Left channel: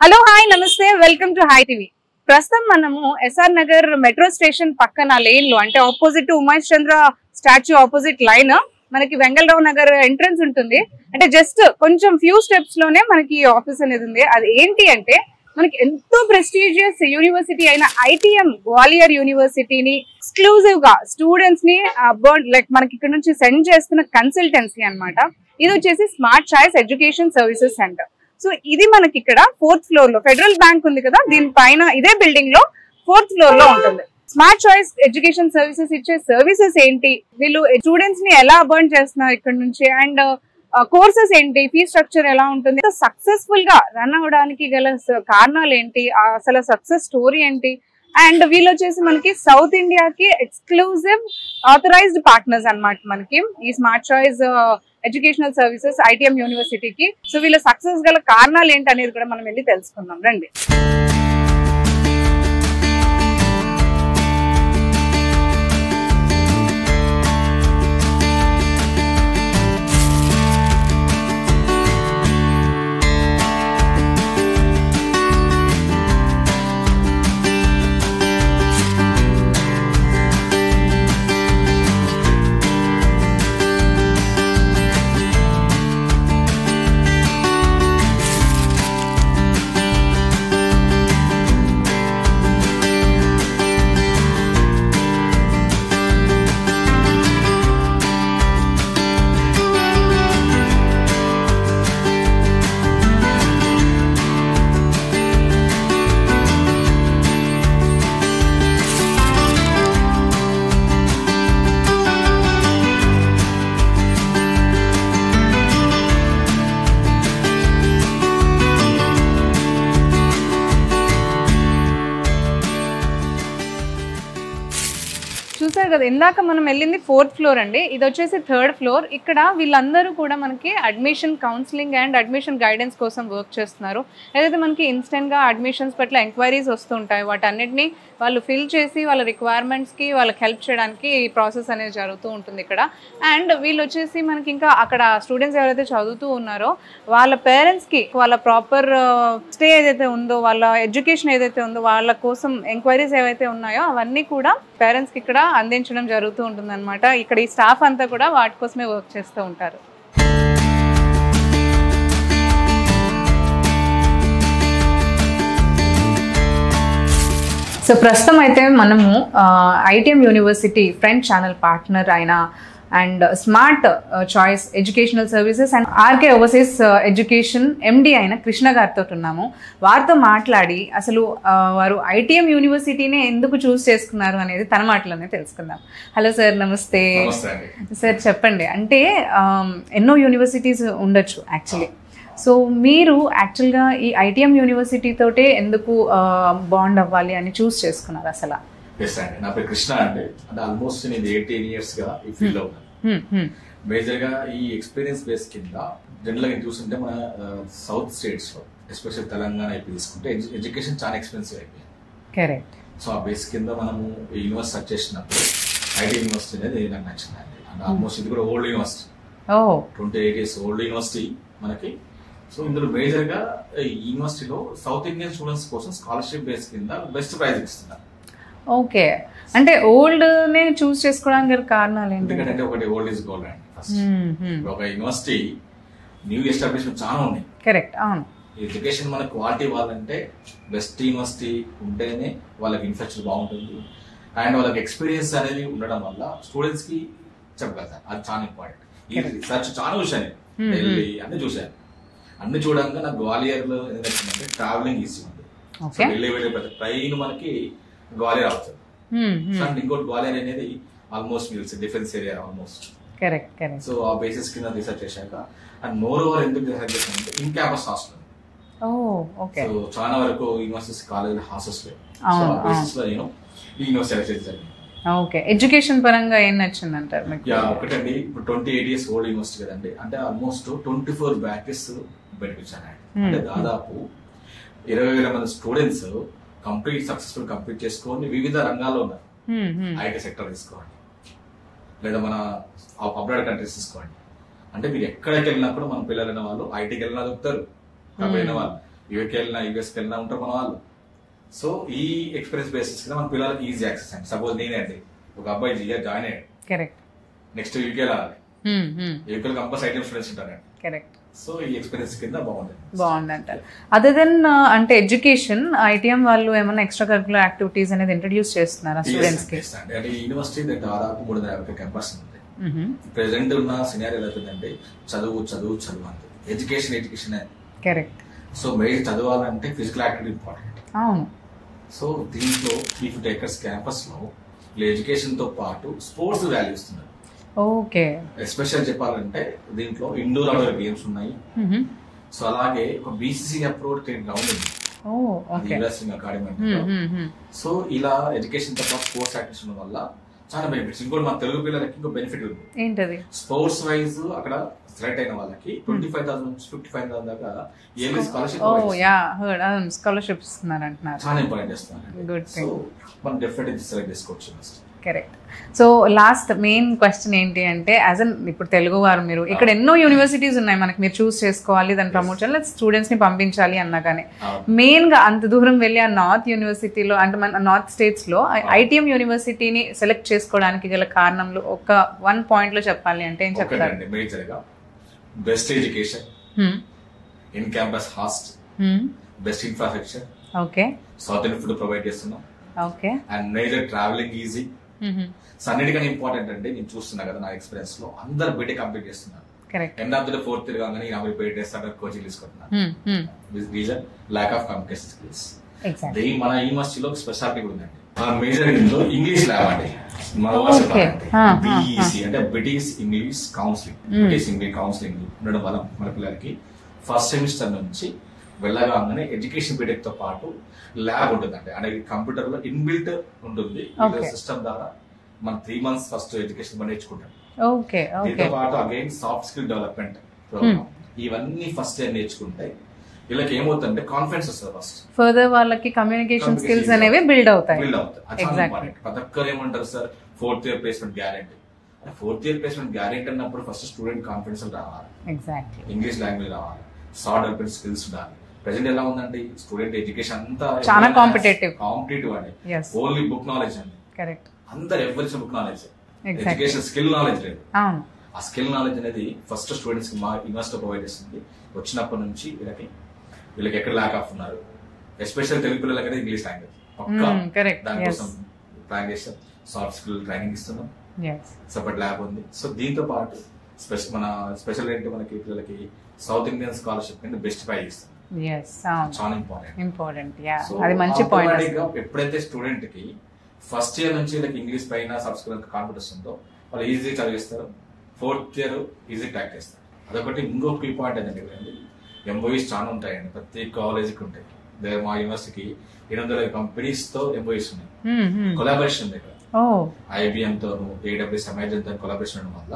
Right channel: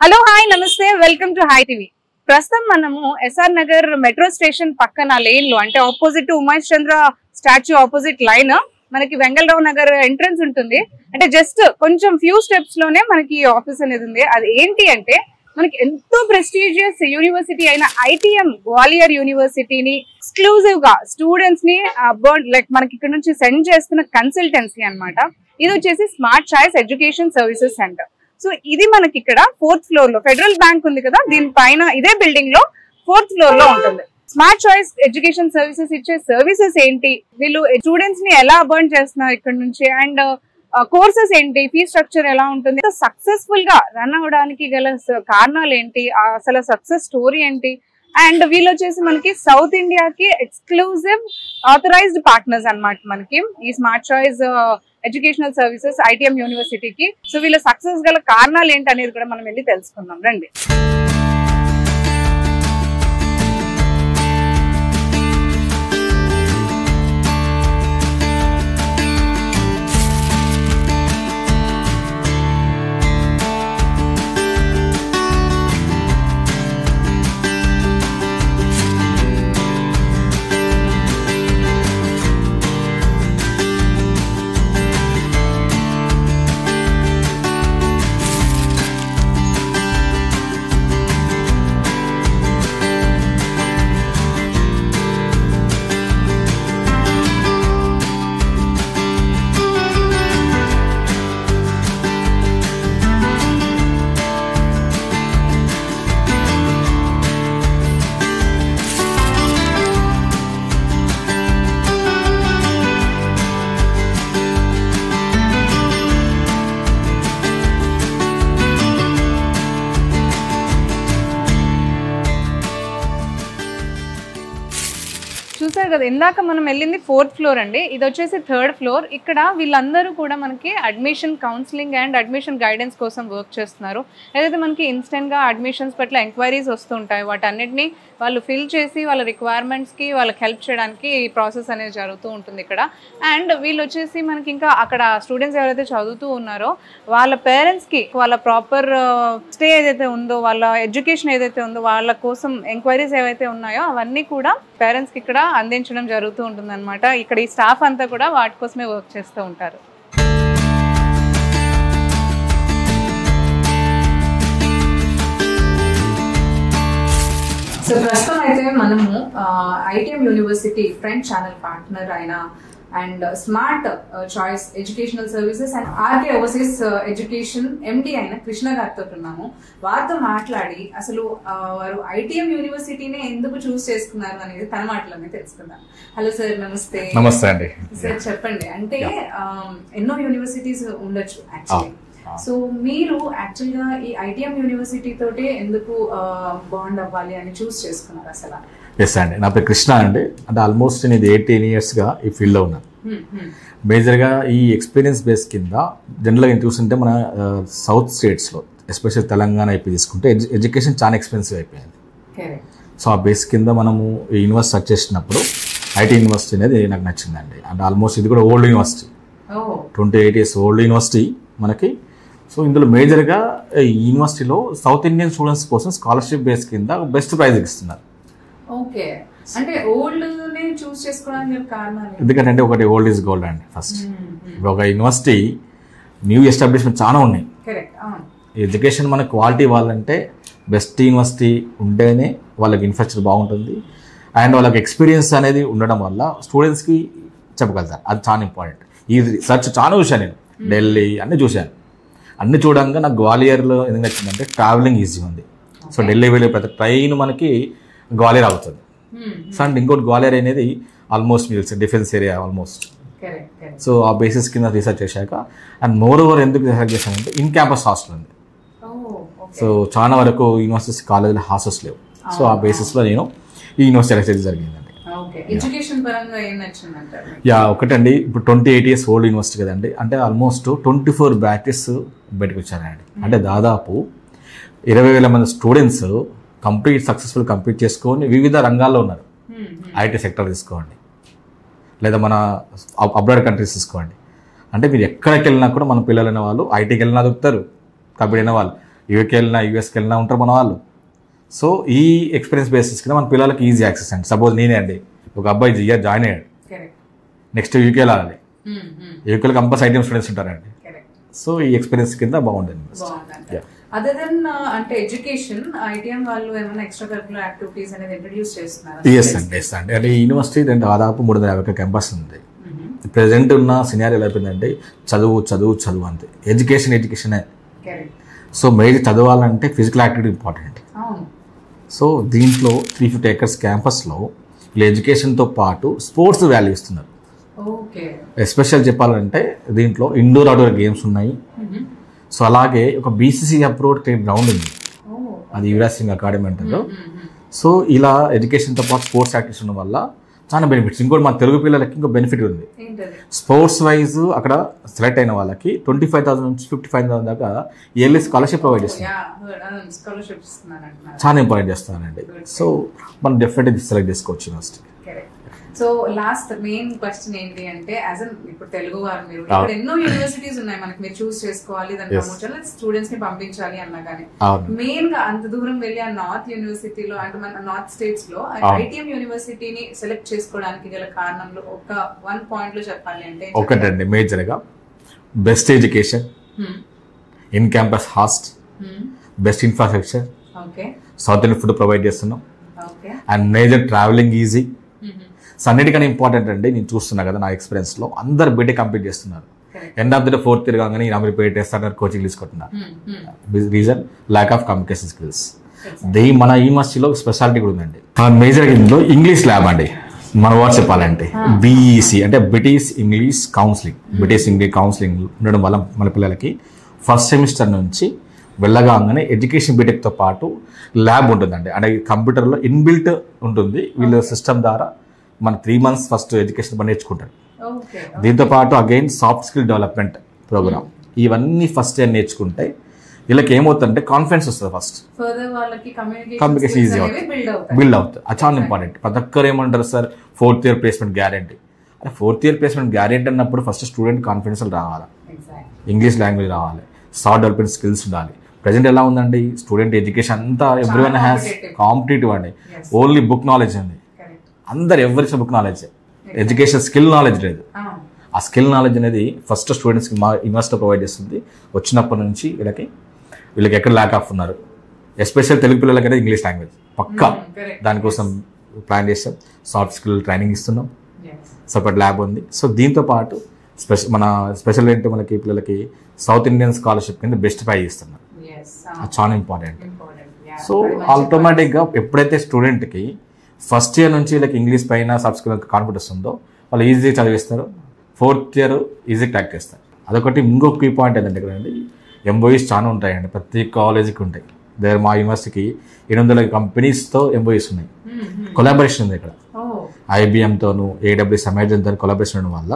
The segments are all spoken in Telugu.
హలో హాయ్ నమస్తే వెల్కమ్ టు హాయ్ టీవీ. ప్రస్తుతం మనము ఎస్ఆర్ నగర్ మెట్రో స్టేషన్ పక్కన లేన్ లో అంటే ఆపోజిట్ ఉమేష్ చంద్ర స్టాచ్యూ ఆపోజిట్ లైన్ మనకి వెంగళరావు నగర్ ఎంట్రన్స్ ఉంటుంది. అంటే జస్ట్ కొంచెం ఫ్యూ స్టెప్స్ లోనే మనకి ఆఫీస్ అనేది ఉంది. అది ఏంటి అంటే మనకి ఎంతో ప్రెస్టీజియస్ యూనివర్సిటీ అయిన ఐటీఎం గ్వాలియర్ యూనివర్సిటీని ఎక్స్క్లూజివ్ గా స్టూడెంట్స్ ని లైక్ మనకి ఇక్కడ నుంచి సెండ్ చేస్తున్న కన్సల్టెన్సీ అన్నమాట. ఇది వచ్చేసి smart choice education services centre. So ఇది మనకి ఇక్కడ 4th ఫ్లోర్ లో ఫెడరల్ బ్యాంక్ ఉంది కదా, దీనిపైన ఇదే బిల్డింగ్ లో 4th ఫ్లోర్ లో ఉంటుంది. స్మార్ట్ చాయిస్ ఎడ్యుకేషన్ సర్వీసెస్ ఇచ్చే సర్వీసెస్ ఏంటి, వీళ్ళు స్టూడెంట్స్ ని ఎలా అబర్న్ చేస్తున్నారు ఇక్కడ నుంచి, అండ్ కోర్సెస్ ఏంటి, ఫీ స్ట్రక్చర్ ఎలా ఉంటుంది, సక్సెస్ఫుల్ గా రన్ అవడానికి గల కారణాలు ఏంటి, అసలు సక్సెస్ స్టోరీ ఏంటి, అండ్ వీళ్ళు వచ్చేసి మనకి సౌత్ ఇండియాకి ఎక్స్క్లూజివ్ ఆథరైజ్డ్ పార్ట్నర్స్ అన్నమాట మనకి ఈ smart choice educational services ITM యూనివర్సిటీకి. సో వీళ్ళ సక్సెస్ గల కారణాలు ఏంటి అనేది కూడా మనం వెళ్ళి తెలుసుకుందాం రండి. చూసారు కదా, ఇందాక మనం వెళ్ళింది 4th ఫ్లోర్ అండి, ఇది వచ్చేసి 3rd ఫ్లోర్. ఇక్కడ వీళ్ళందరూ కూడా మనకి admission counselling and admission guidance కోసం వర్క్ చేస్తున్నారు. ఏదైతే మనకి ఇన్స్టెంట్ గా అడ్మిషన్స్ పట్ల ఎంక్వైరీస్ వస్తుంటాయి, వాటన్నిటిని వాళ్ళు ఫిల్ చేసి వాళ్ళ రిక్వైర్మెంట్స్ కి వాళ్ళకి హెల్ప్ చేయడానికి ఈ ప్రాసెస్ అనేది జరుగుతూ ఉంటుంది ఇక్కడ. అండ్ వీళ్ళు వచ్చేసి మనకి ఇంకా అక్కడ స్టూడెంట్స్ ఎవరైతే చదువుతూ ఉన్నారో వాళ్ళ పేరెంట్స్ కి వాళ్ళ ప్రాపర్ స్టే ఏదైతే ఉందో, వాళ్ళ ఎడ్యుకేషన్ ఏదైతే ఉందో, వాళ్ళ కోసం ఎంక్వైరీస్ ఏవైతే ఉన్నాయో అవన్నీ కూడా పేరెంట్స్ కి ఇక్కడ అందించడం జరుగుతూ ఉంటుంది అనమాట. ఇక్కడ ఈ స్టాఫ్ అంతా కూడా వాటి కోసమే వర్క్ చేస్తూ ఉంటారు. సో ప్రస్తుతం అయితే మనము ITM university friend channel partner అయిన and smart choice educational services and RK overseas education MD అయిన కృష్ణ గారితో ఉన్నాము. వారితో మాట్లాడి అసలు వారు ఐటీఎం యూనివర్సిటీనే ఎందుకు చూస్ చేసుకున్నారు అనేది తన మాటలోనే తెలుసుకుందాం. హలో సార్, నమస్తే. నమస్తే అండి. సార్ చెప్పండి, అంటే ఎన్నో యూనివర్సిటీస్ ఉండొచ్చు యాక్చువల్లీ, సో మీరు యాక్చువల్గా ఈ ఐటీఎం యూనివర్సిటీ తోటే ఎందుకు బాండ్ అవ్వాలి అని చూస్ చేసుకున్నారు అసలు? ఎస్ అండి, నా పేరు కృష్ణ అండి. అంటే ఆల్మోస్ట్ నేను 18 yearsగా ఈ ఫీల్డ్లో ఉన్నాను. మేజర్గా ఈ ఎక్స్పీరియన్స్ బేస్ కింద జనరల్గా చూస్తుంటే మన సౌత్ స్టేట్స్లో ఎస్పెషల్ తెలంగాణ అయిపోయి తీసుకుంటే ఎడ్యుకేషన్ చాలా ఎక్స్పెన్సివ్ అయిపోయింది. సో ఆ బేస్ కింద మనము ఈ యూనివర్సిటీ సర్చ్ చేసినప్పుడు ఐటీ యూనివర్సిటీ అనేది నాకు నచ్చిందండి. అంటే ఆల్మోస్ట్ ఇది కూడా old university, 28 years old university మనకి. సో ఇందులో మేజర్గా ఈ యూనివర్సిటీలో సౌత్ ఇండియన్ స్టూడెంట్స్ కోసం స్కాలర్షిప్ బేస్ కింద బెస్ట్ ప్రైజ్ ఇస్తున్నారు. ఓకే, అంటే ఓల్డ్ నే చూస్ చేసుకోవడానికి కారణాలు? ఎందుకంటే ఒకటి ఓల్డ్ ఈజ్ గోల్డ్ అండి. ఫస్ట్ ఒక యూనివర్సిటీ న్యూ ఎస్టాబ్లిష్మెంట్ చాలా ఉన్నాయి. కరెక్ట్. ఎడ్యుకేషన్ మన క్వాలిటీ ఇవ్వాలంటే బెస్ట్ యూనివర్సిటీ ఉంటేనే వాళ్ళకి ఇన్ఫ్రాస్ట్రక్చర్ బాగుంటుంది అండ్ వాళ్ళకి ఎక్స్పీరియన్స్ అనేది ఉండడం వల్ల స్టూడెంట్స్కి చెప్పగలుగుతారు. అది చాలా ఇంపార్టెంట్. ఈ రీసెర్చ్ చాలా చూశాను నేను, ఢిల్లీ అన్నీ చూశాను. అన్ని చూడంగా నాకు గ్వాలియర్లో ఎందుకు నచ్చిందంటే ట్రావెలింగ్ ఈజీ ఉంది. సో ఢిల్లీ వెళ్ళే ప్రతి ట్రైన్ మనకి గ్వాలియర్ అవుతుంది. సో అండ్ ఇంకోటి గ్వాలియర్ అనేది ఆల్మోస్ట్ మీకు డిఫెన్స్ ఏరియా ఆల్మోస్ట్. సో ఆ బేసిస్ కింద రీసెర్చ్ చేశాక అండ్ మోర్ ఓవర్ ఎందుకు రీసెర్చ్ చేశామంటే ఇన్ క్యాంపస్ హాస్టల్ ఉంది. సో చాలా వరకు యూనివర్సిటీస్ కాలేజీలో హాస్టల్స్ లేవు. సో ఆ బేసిస్లో నేను ఈ యూనివర్సిటీ రీసెర్చ్ జరిగిందండి. ఎడ్యుకేషన్ పరంగా ఏం నచ్చిందంటారు? ఒకటండి, ఇప్పుడు 28 years ఓల్డ్ యూనివర్సిటీ కదండి. అంటే ఆల్మోస్ట్ 24 బ్యాచెస్ బయటకు వచ్చారండి. అంటే దాదాపు 20,000 మంది స్టూడెంట్స్ కంప్లీట్ సక్సెస్ఫుల్ కంప్లీట్ చేసుకొని వివిధ రంగాల్లో ఉన్నారు. ఐటీ సెక్టర్ తీసుకోండి, లేదా మన అబ్రాడ్ కంట్రీస్ తీసుకోండి. అంటే మీరు ఎక్కడికి వెళ్ళినా కూడా మన పిల్లలైన వాళ్ళు ఐటీకి వెళ్ళినా దొరుకుతారు, కంప్లీట్ అయిన వాళ్ళు యూకే వెళ్ళినా యూఎస్కి వెళ్ళినా ఉంటారు మన వాళ్ళు. సో ఈ ఎక్స్పీరియన్స్ బేసిస్ కింద మన పిల్లలకి ఈజీ యాక్సెస్ అండి. సపోజ్ నేనే అండి ఒక అబ్బాయి ఇయర్ జాయిన్ అయ్యాడు, నెక్స్ట్ యూకే వెళ్ళాలి, యూకేలో కంపల్సరీ ఐటీఎం స్టూడెంట్స్ ఉంటారండి. సో ఈ ఎక్స్పీరియన్స్ కింద బాగుందంట. అదర్ దెన్ అంటే ఎడ్యుకేషన్, ఐటీఎం వాళ్ళు ఏమైనా ఎక్స్ట్రా కరికులర్ యాక్టివిటీస్ అనేది ఇంట్రడ్యూస్ చేస్తున్నారా? అండి అంటే యూనివర్సిటీ దాదాపు 350 క్యాంపస్ ఉంది. ప్రెసెంట్ ఉన్న సినారియో ఎలా అయిపోయిందంటే చదువు చదువు చదువు అంతే, ఎడ్యుకేషన్. సో మెయిన్ చదవాలంటే ఫిజికల్ యాక్టివిటీ ఇంపార్టెంట్. సో దీంట్లో 350 acres క్యాంపస్లో వీళ్ళు ఎడ్యుకేషన్తో పాటు స్పోర్ట్స్ వాల్యూ ఇస్తున్నారు. ఎస్పెషల్ చెప్పాలంటే దీంట్లో ఇండోర్ అవుట్డోర్ గేమ్స్ ఉన్నాయి. సో అలాగే ఒక బీసీసీ అప్రూవ్డ్ గ్రౌండ్ ఉంది, అది యువరాజ్ సింగ్ అకాడమీ అంటారు. సో ఇలా ఎడ్యుకేషన్తో పాటు స్పోర్ట్స్ యాక్టివిటీస్ ఉండడం వల్ల చాలా బెనిఫిట్స్. ఇంకోటి మన తెలుగు పిల్లలకి ఇంకో బెనిఫిట్ ఉంది. స్పోర్ట్స్ వైజ్ అక్కడ సెలెక్ట్ అయిన వాళ్ళకి 25,000 నుంచి 55,000 దాకా ఇయర్లీ స్కాలర్షిప్ ప్రొవైడ్ చేస్తారు. చాలా ఇంపార్టెంట్ చేస్తున్నారండి. సో మనం డెఫినెట్గా సెలెక్ట్ చేసుకోవచ్చు university. Correct. So last main question ఏంటి అంటే, యాజ్ అన్ ఇప్పుడు తెలుగు వారు మీరు ఇక్కడ ఎన్నో యూనివర్సిటీస్ ఉన్నాయి మనకి, మీరు చూస్ చేసుకోవాలి, దాని ప్రమోషన్ స్టూడెంట్స్ ని పంపించాలి అన్నా కానీ మెయిన్ గా అంత దూరం వెళ్ళి ఆ నార్త్ యూనివర్సిటీలో అంటే మన నార్త్ స్టేట్స్ లో ఐటీఎం యూనివర్సిటీని సెలెక్ట్ చేసుకోవడానికి గల కారణంలో ఒక 1 point లో చెప్పాలి అంటే ఒకటండి, మేజర్ గా best education, in campus host, best infrastructure, South Indian food provide చేస్తున్నాం, and major travelling easy. So అన్నిటికన్నా ఇంపార్టెంట్ అండి, నేను చూస్తున్నా కదా నా ఎక్స్పీరియన్స్ లో అందరు బీటెక్ కంప్లీట్ చేస్తున్నారు. End of the day 4th year కాగానే అమీర్పేట చేస్తారు, కోచింగ్ తీసుకుంటున్నారు. Reason lack of communication skills. మన యూనివర్సిటీలో స్పెషాలిటీ కూడా ఉందండి. మేజర్ ఇందులో ఇంగ్లీష్ ల్యాబ్ అండి. మన వర్డ్ చెప్పాలంటే BEC అంటే British English counselling. British English counselling ఉండడం వల్ల మన పిల్లలకి ఫస్ట్ సెమిస్టర్ నుంచి వెళ్ళగానే ఎడ్యుకేషన్ బీటెక్తో పాటు ల్యాబ్ ఉంటుందండి. అంటే కంప్యూటర్లో ఇన్బిల్ట్ ఉంటుంది. వీళ్ళ సిస్టమ్ ద్వారా మన 3 months ఫస్ట్ ఎడ్యుకేషన్ పని నేర్చుకుంటారు. దీంతో పాటు again soft skill development programme. ఇవన్నీ ఫస్ట్ ఇయర్ నేర్చుకుంటే వీళ్ళకి ఏమవుతుందంటే కాన్ఫిడెన్స్ వస్తుంది. ఫస్ట్ ఫర్దర్ వాళ్ళకి కమ్యూనికేషన్ స్కిల్స్ అనేవి బిల్డ్ అవుతాయి. అది చాలా ఇంపార్టెంట్. ప్రతి ఒక్కరు ఏమంటారు sir 4th year placement guarantee. అంటే 4th year ప్లేస్మెంట్ గ్యారెంటీ అన్నప్పుడు ఫస్ట్ స్టూడెంట్ కాన్ఫిడెన్స్ రావాలి, ఇంగ్లీష్ లాంగ్వేజ్ రావాలి, సాఫ్ట్ డెవలప్మెంట్ స్కిల్స్ ఉండాలి. ప్రెసెంట్ ఎలా ఉందండి స్టూడెంట్ ఎడ్యుకేషన్ అంతా కాంపిటేటివ్ అండి. ఓన్లీ బుక్ నాలెడ్జ్ అండి. అందరు ఎవరికి book knowledge, education skill knowledge లేదు. ఆ స్కిల్ నాలెడ్జ్ అనేది ఫస్ట్ స్టూడెంట్స్కి మా యూనివర్సిటీ ప్రొవైడ్ చేస్తుంది. వచ్చినప్పటి నుంచి వీళ్ళకి ఎక్కడ ల్యాక్ ఆఫ్ ఉన్నారు, ఎస్పెషల్ తెలుగు పిల్లలకైతే ఇంగ్లీష్ లాంగ్వేజ్ పక్కా. దానికోసం ప్లాన్ చేస్తాం, సాఫ్ట్ స్కిల్ ట్రైనింగ్ ఇస్తున్నాం, సపరేట్ ల్యాబ్ ఉంది. సో దీంతో పాటు మన స్పెషల్ ఏంటంటే మనకి పిల్లలకి సౌత్ ఇండియన్ స్కాలర్షిప్ కింద బెస్ట్ ప్రైజ్ ఇస్తున్నాం. చాలా ఇంపార్టెంట్. సో ఆటోమేటిక్ గా ఎప్పుడైతే స్టూడెంట్ కి ఫస్ట్ ఇయర్ నుంచి వీళ్ళకి ఇంగ్లీష్ పైన సాఫ్ట్ స్కిల్ కాన్ఫిడెన్స్ ఉందో వాళ్ళు ఈజీగా చదివిస్తారు. 4th year ఈజీ క్రాక్ చేస్తారు. అదొకటి. ఇంకొక కీ పాయింట్ ఏంటంటే ఇక్కడ MOEs చాలా ఉంటాయండి, ప్రతి కాలేజీకి ఉంటాయి. దగ్గర మా యూనివర్సిటీకి 800 కంపెనీస్తో MOEs ఉన్నాయి. కొలాబరేషన్ ఉంది ఇక్కడ. IBM తోను AWS అమెజాన్ తో కొలాబరేషన్ ఉండడం వల్ల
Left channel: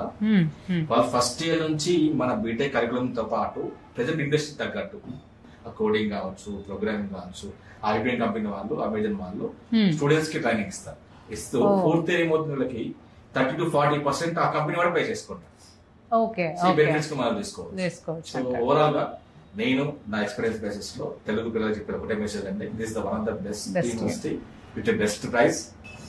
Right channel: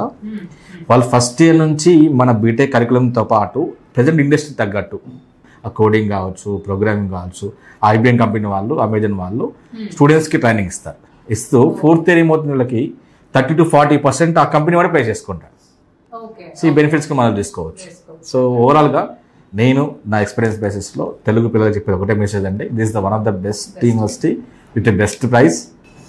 వాళ్ళు ఫస్ట్ ఇయర్ నుంచి మన బీటెక్ కరికులంతో పాటు ప్రజెంట్ ఇండస్ట్రీ తగ్గట్టు ఆ కోడింగ్ కావచ్చు, ప్రోగ్రామింగ్ కావచ్చు, IBM కంపెనీ వాళ్ళు, అమెజాన్ వాళ్ళు స్టూడెంట్స్ కి ట్రైనింగ్ ఇస్తూ 4th year ఏమవుతుంది వీళ్ళకి 30 to 40% ఆ కంపెనీ వాడు పే చేసుకుంటారు. సో ఈ బెనిఫిట్స్ కి మనం తీసుకోవచ్చు. సో ఓవరాల్ గా నేను నా ఎక్స్పీరియన్స్ బేసిస్ లో తెలుగు పిల్లలకు చెప్పేది ఒకటే మెసేజ్ అండి, this is the one of the best university with best price.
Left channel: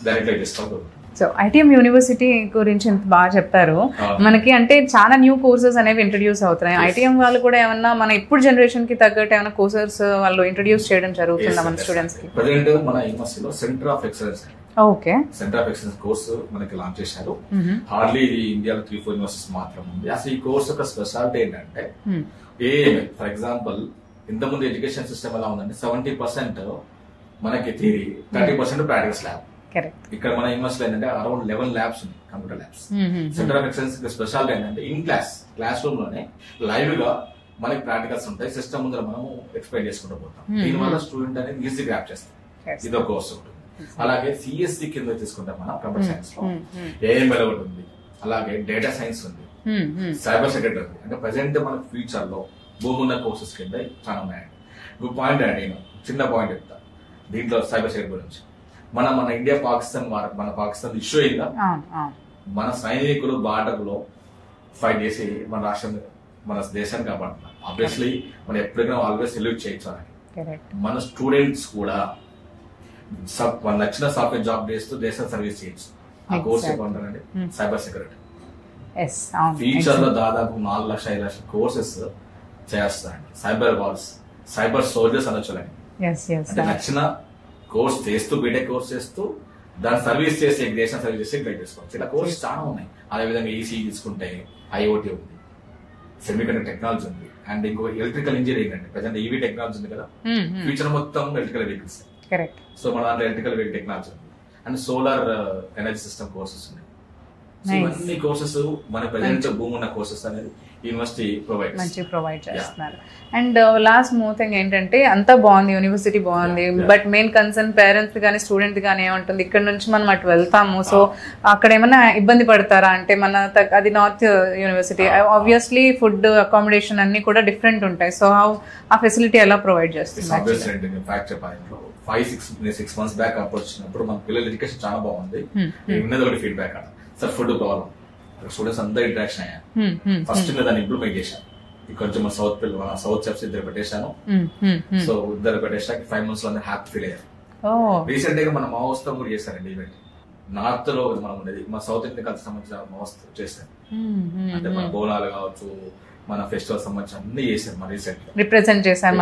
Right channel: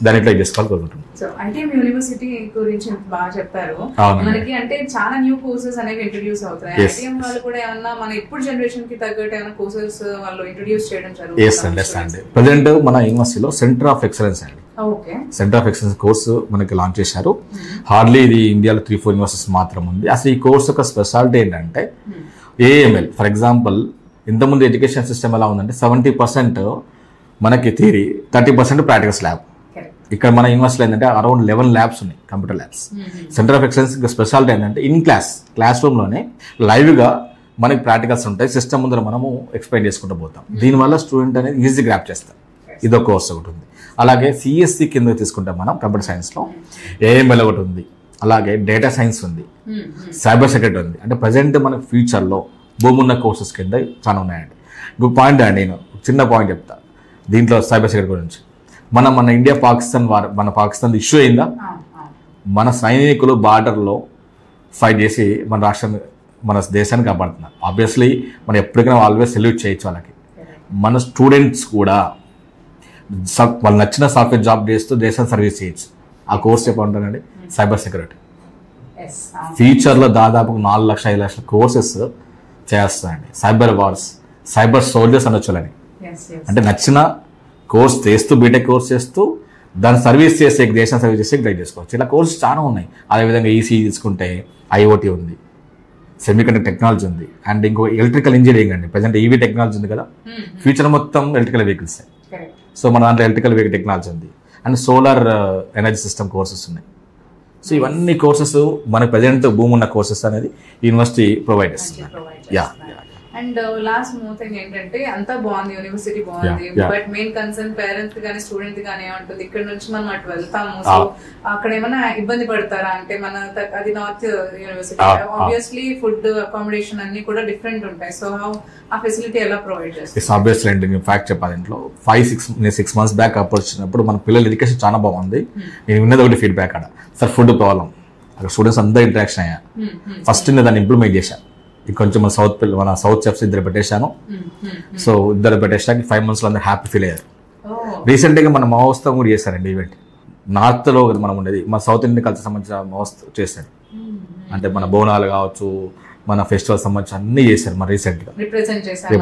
దాని ఇట్లా చేసుకోవాలి. సో ఐటీఎం యూనివర్సిటీ గురించి ఎంత బాగా చెప్పారు. మనకి అంటే చాలా న్యూ కోర్సెస్ అనేవి ఇంట్రడ్యూస్ అవుతున్నాయి. ఐటీఎం వాళ్ళు కూడా ఏమన్నా మన ఇప్పుడు జనరేషన్ కి తగ్గట్టు ఏమైనా కోర్సెస్ వాళ్ళు ఇంట్రడ్యూస్ చేయడం జరుగుతుంది. ప్రెసెంట్ మన యూనివర్సిటీలో సెంటర్ ఆఫ్ ఎక్సలెన్స్ అండి, సెంటర్ ఆఫ్ ఎక్సలెన్స్ కోర్సు మనకి లాంచ్ చేశారు. హార్డ్లీ ఇది ఇండియాలో 3-4 యూనివర్సిటీస్ మాత్రం ఉంది. అసలు ఈ కోర్సు యొక్క స్పెషాలిటీ ఏంటంటే AML. ఫర్ ఎగ్జాంపుల్ ఇంతకుముందు ఎడ్యుకేషన్ సిస్టమ్ ఎలా ఉందంటే 70% మనకి థియరీ, 30% ప్రాక్టికల్స్ ల్యాబ్. ఇక్కడ మన యూనివర్సిటీలో ఏంటంటే అరౌండ్ 11 ల్యాబ్స్ ఉన్నాయి, computer labs. Centre of excellence speciality ఏంటంటే ఇన్ క్లాస్ రూమ్ లోనే లైవ్ గా మనకి ప్రాక్టికల్స్ ఉంటాయి. సిస్టమ్ ముందర మనము ఎక్స్ప్లెయిన్ చేసుకుంటూ పోతాం. దీనివల్ల స్టూడెంట్ అనేది ఈజీ గ్రాప్ చేస్తారు. ఇదో కోర్స్ ఒకటి ఉంది. అలాగే CSC కింద తీసుకుంటాం మనం కంప్యూటర్ సైన్స్ లో AML ఒకటి ఉంది. అలాగే డేటా సైన్స్ ఉంది, సైబర్ సెక్యూరిటీ ఉంది. అంటే ప్రజెంట్ మన ఫ్యూచర్ లో భూమున్న కోర్సెస్ కింద చాలా ఉన్నాయండి. ఇంకొక పాయింట్ అండి, నేను చిన్న పాయింట్ చెప్తా దీంట్లో సైబర్ సెక్యూరిటీ గురించి. మన ఇండియా మన పాకిస్తాన్ ఇష్యూ అయిందా, మన సైనికులు బార్డర్ లో ఫైట్ చేసి మన రాష్ట్రాన్ని మన దేశాన్ని కాపాడుతున్నారు. ఆబ్వియస్లీ మనం ఎప్పటికైనా ఆల్వేస్ సెల్యూట్ చేయొచ్చు వాళ్ళకి. మన స్టూడెంట్స్ కూడా వాళ్ళు నచ్చిన సాఫ్ట్వేర్ జాబ్ చేస్తూ దేశాన్ని సర్వీస్ చేయొచ్చు. ఆ కోర్స్ చెప్పంటారండి సైబర్ సెక్యూరిటీ. ఫ్యూచర్ లో దాదాపు 4 లక్షల 5 లక్షల కోర్సెస్ చేస్తారండి. సైబర్ వార్స్, సైబర్ సోల్జర్స్ అనొచ్చులని. అంటే నచ్చిన కోర్స్ చేస్తూ బీటెక్ కోర్స్ చేస్తూ దాన్ని సర్వీస్ చేస్తే దేశాన్ని సర్వీస్ చేస్తే గ్రైడ్ చేసుకోవచ్చు. ఇలా కోర్సెస్ చాలా ఉన్నాయి. అదేవిధంగా ఈసీ తీసుకుంటే ఐఓటీ ఉంది, సెమీకండక్టర్ టెక్నాలజీ ఉంది, అండ్ ఇంకో ఎలక్ట్రికల్ ఇంజనీరింగ్ అండి. ప్రజెంట్ ఈవీ టెక్నాలజీ ఉంది కదా, ఫ్యూచర్ మొత్తం ఎలక్ట్రికల్ వెహికల్స్. సో మన దాంట్లో ఎలక్ట్రికల్ వెహికల్ టెక్నాలజీ ఉంది, and solar energy system courses ఉన్నాయి. సో ఇవన్నీ కోర్సెస్ మనకు ప్రజెంట్ భూమి ఉన్న కోర్సెస్ అనేది యూనివర్సిటీ ప్రొవైడ్ చేస్తుంది. అండ్ లాస్ట్ మోర్ థింగ్ ఏంటంటే అంతా బాగుంది, యూనివర్సిటీ బాగుంది, బట్ మెయిన్ కన్సర్న్ పేరెంట్స్ కానీ స్టూడెంట్ కానీ ఏమంటుంది, ఇక్కడ నుంచి మనం అటు వెళ్తాము, సో అక్కడ ఏమైనా ఇబ్బంది పడతారా అంటే మన అది north university, obviously food accommodation అన్ని కూడా డిఫరెంట్ ఉంటాయి. సో ఆ ఫెసిలిటీ ఎలా ప్రొవైడ్ చేస్తుంది? ఆబ్వియస్లీ అండి, నేను ఫ్యాక్ట్ చెప్పాలి. ఇంట్లో 6 months బ్యాక్ అప్పుడు వచ్చినప్పుడు మన పిల్లల ఎడ్యుకేషన్ చాలా బాగుంది. నేను విన్నది ఒకటి ఫీడ్బ్యాక్ అక్కడ, సార్ ఫుడ్ ప్రాబ్లం, అక్కడ స్టూడెంట్స్ అందరూ ఇంటరాక్షన్ అయ్యా. ఫస్ట్ నేను దాన్ని ఇంప్లిమెంట్ చేశాను. కొంచెం మన సౌత్ చెఫ్స్ 2 పెట్టేశాను. సో 2 పెట్టేసాక 5 months లో అందరూ హ్యాపీ ఫీల్ అయ్యారు. రీసెంట్ గా మన మహోత్సవం కూడా చేశారండి ఈవెంట్. నార్త్ లో మనం ఉండేది, మన సౌత్ ఇండియన్ కల్చర్ సంబంధించిన మహోత్సవం చేశారు. అంటే మన బోనాలు కావచ్చు, మన ఫెస్టివల్ సంబంధించి అన్ని చేశారు. మన రీసెంట్ గా రిప్రజెంట్ చేశారు.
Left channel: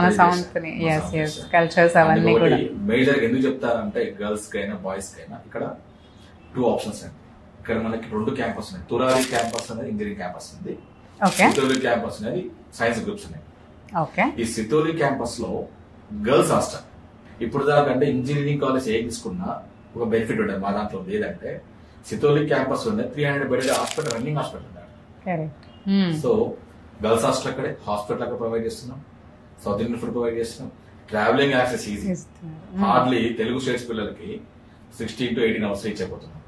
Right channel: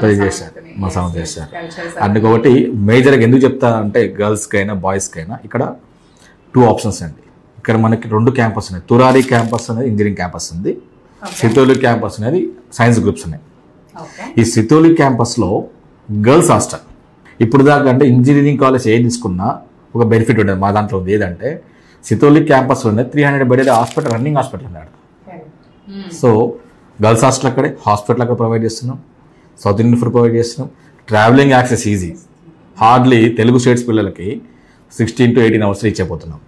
అందుకొకటి మేజర్ గా ఎందుకు చెప్తా అంటే గర్ల్స్ కైనా బాయ్స్ కైనా ఇక్కడ 2 ఆప్షన్స్ అండి. ఇక్కడ మనకి 2 క్యాంపస్ ఉన్నాయి. తురారి క్యాంపస్ అనేది ఇంజనీరింగ్ క్యాంపస్ ఉంది, సితోలి క్యాంపస్ అనేది సైన్స్ గ్రూప్స్ ఉన్నాయి. ఈ సితోలి క్యాంపస్ లో గర్ల్స్ హాస్టల్. ఇప్పుడు దాకా అంటే ఇంజనీరింగ్ కాలేజ్ ఏది తీసుకున్నా ఒక బెనిఫిట్ ఉండదు. మా దాంట్లో ఉంది ఏదంటే సితోలి క్యాంపస్ లో 300 బెడ్ హాస్పిటల్, రన్నింగ్ హాస్పిటల్ అన్నాడు. సో గర్ల్స్ హాస్టల్ అక్కడే, హాస్పిటల్ అక్కడ ప్రొవైడ్ చేస్తున్నాం, సౌత్ ఇండియన్ ఫుడ్ ప్రొవైడ్ చేస్తున్నాం, travelling access easy. Hardly Telugu states పిల్లలకి 16 to 18 hours రీచ్ అయిపోతున్నాం.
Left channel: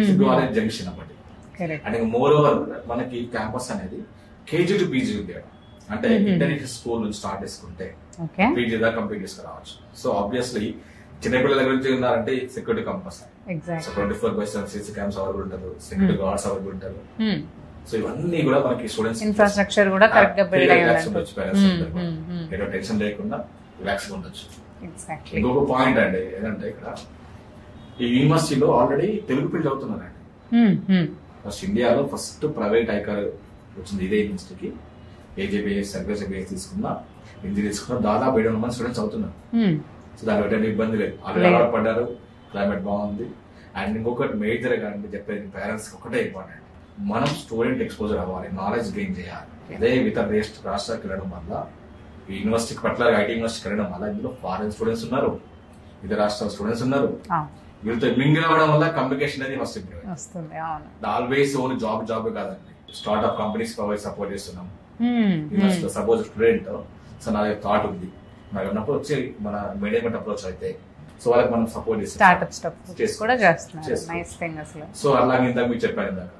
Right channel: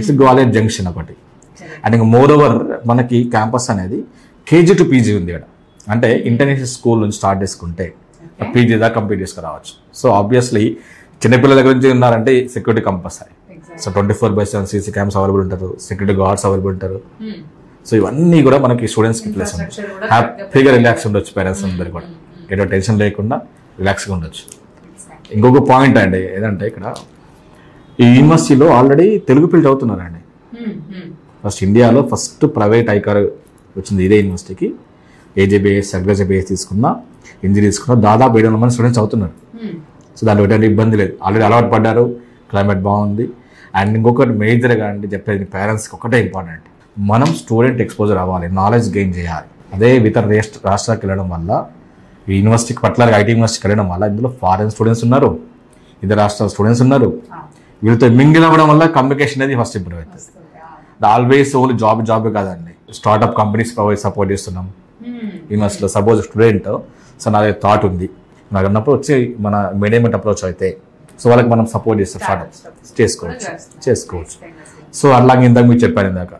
ఇట్స్ గ్వాలియర్ జంక్షన్ ఒకటి. అండ్ ఇంకా మోర్ ఓవర్ మనకి క్యాంపస్ అనేది కేజీ టు పీజీ ఉంది ఇక్కడ. అంటే ఇంటర్నేషనల్ స్కూల్ నుంచి స్టార్ట్ చేసుకుంటే పీజీ దాకా కంప్లీట్ చేసుకురావచ్చు. సో ఆబ్వియస్లీ చిన్నపిల్లల గురించి ఉన్నారంటే security compulsory. So 24/7 CC cams available ఉంటారు, సెక్యూరిటీ గార్డ్స్ అవైలబుల్ ఉంటారు. సో ఇవన్నీ కూడా మనకి స్టూడెంట్స్ హ్యాపీగా రిలాక్స్ ఉండొచ్చు. పేరెంట్స్ అందరు కూడా ఏదో టెన్షన్ లేకుండా రిలాక్స్ గా ఉండొచ్చు. ఇంకొక పాయింట్ అండి ఏదంటే ఇక్కడ ఈ యూనివర్సిటీలో ఆల్రెడీ తెలుగు పిల్లలు అవుతున్నారండి. ఫస్ట్ ఇండియాలో ఫస్ట్ ప్రైవేట్ ఐకార్ వచ్చింది ఇదే యూనివర్సిటీకి. ఏజేబీఎస్, అగ్రజబీఎస్ తీసుకున్నా, ఇంజనీర్ తీసుకున్నా దాదాపు 700 మంది స్టూడెంట్స్ అవుతున్నారు. సో దాంట్లో ఎటువంటి ఇబ్బంది లేదు, ఆల్రెడీ అలవాటు పడ్డారు, క్లైమేట్ బాగుంది. అండ్ ఇంకొకటి మేజర్గా అండి చెప్పేది పేరెంట్స్కి ఒకటే ఇంపార్టెంట్, మనం స్టూడెంట్ ఎక్స్పోజర్ అవ్వాలి, నాలెడ్జ్ గెయిన్ చేయాలి. అదే ఇతర రాష్ట్రాలకు వెళ్ళడం వల్ల, ఈ యూనివర్సిటీకి పర్టికులర్గా ఐటీ యూనివర్సిటీకి వెళ్ళడం వల్ల ఇందులో ఫారెన్ స్టూడెంట్స్ ఉన్నారు, ఇతర రాష్ట్రాల స్టూడెంట్స్ ఉన్నారు. వీళ్ళతో మింగిల్ అవ్వడం వల్ల కమ్యూనికేషన్ అనేది ఫస్ట్ ఇంప్రూవ్ అవుతుంది. ఆల్వేస్ ఓన్లీ జాబ్ కాదండి, స్టార్ట్అప్ కంపెనీస్ సపోర్ట్ చేస్తున్నాం యూనివర్సిటీలో. సపోజ్ స్టూడెంట్ సో నాది థాట్ ఉంది, నాకు అన్నప్పుడు వచ్చి మన మేనేజ్మెంట్ అప్రోచ్ అయితే సో వాళ్ళకి మనం సపోర్ట్ చేస్తాం, చేసుకోవచ్చు. సో అలాగే ఇందాక మీరు చెప్పాను ఇందాక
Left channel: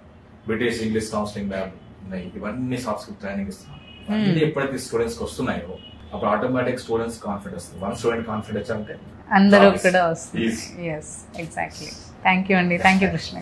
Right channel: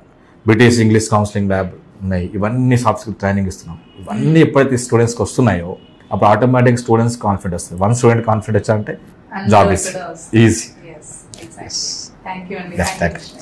బ్రిటిష్ ఇంగ్లీష్ కౌన్సిలింగ్ ల్యాబ్ ఉన్నాయి, ఇవన్నీ సాఫ్ట్ స్కిల్ ట్రైనింగ్ ఇస్తున్నాం. ఇవన్నీ ఎప్పుడైతే స్టూడెంట్స్కి వస్తున్నాయో అప్పుడు ఆటోమేటిక్ స్టూడెంట్స్ కాన్ఫిడెంట్ వస్తుంది. 1 స్టూడెంట్ కాన్ఫిడెంట్ వచ్చారంటే job easy. Yes, exactly. Thank you, Andy. Thank you, Krishna.